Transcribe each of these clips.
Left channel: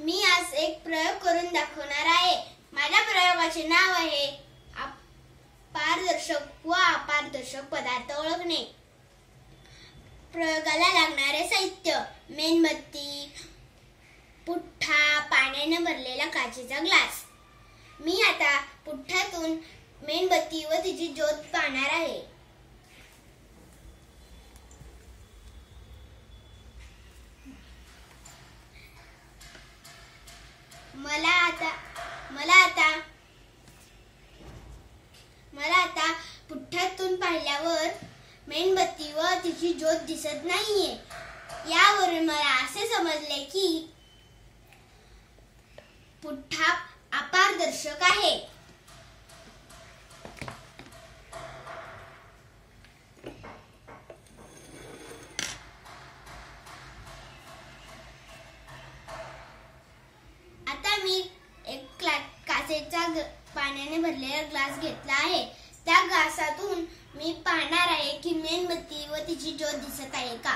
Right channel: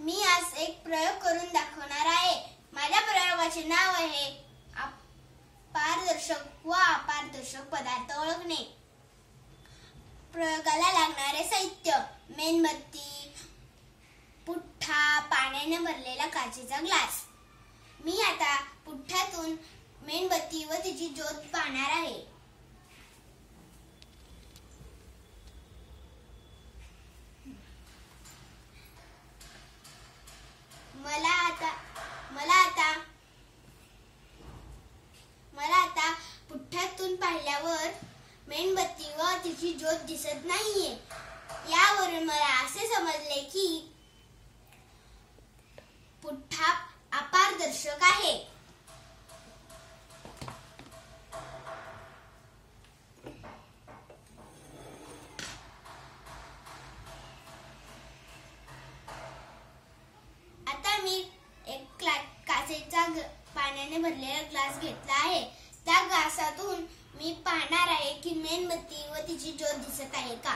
मी आज एक प्रयोग करून दाखवणार आहे। माझ्या प्रयोगाचे नाव आहे पारदर्शक व अपारदर्शक पदार्थ ओळखणे। प्रयोगाला लागणारे साहित्य: मेणबत्ती, पुठ्ठा, पाण्याने भरलेला काचेचा ग्लास। मी आता पुठ्ठ्यातून मेणबत्ती व तिची ज्योत पाहणार आहे। मला आता पुठ्ठ्यातून पाहिल्यावर मेणबत्ती व तिची ज्योत दिसत नाहीये। यावरून मला असे समजले की पुठ्ठा अपारदर्शक आहे। आता मी एक काचेचा पाण्याने भरलेला ग्लास घेतला आहे। त्या ग्लासातून मी पाहणार आहे की मेणबत्ती व तिची ज्योत दिसत आहे का।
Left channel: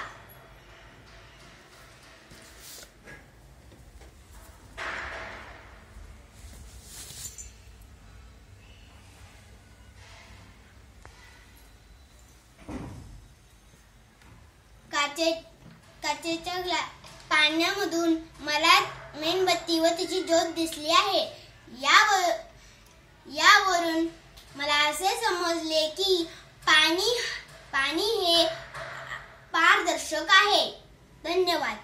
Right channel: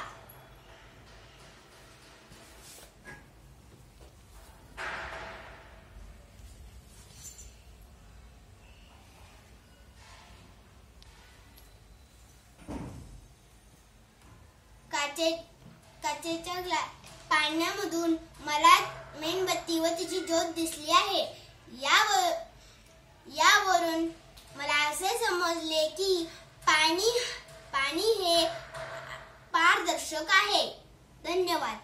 काचेच्या पाण्यामधून मला मेणबत्ती व तिची ज्योत दिसली आहे। यावरून मला असे समजले की पाणी हे पारदर्शक आहे। धन्यवाद।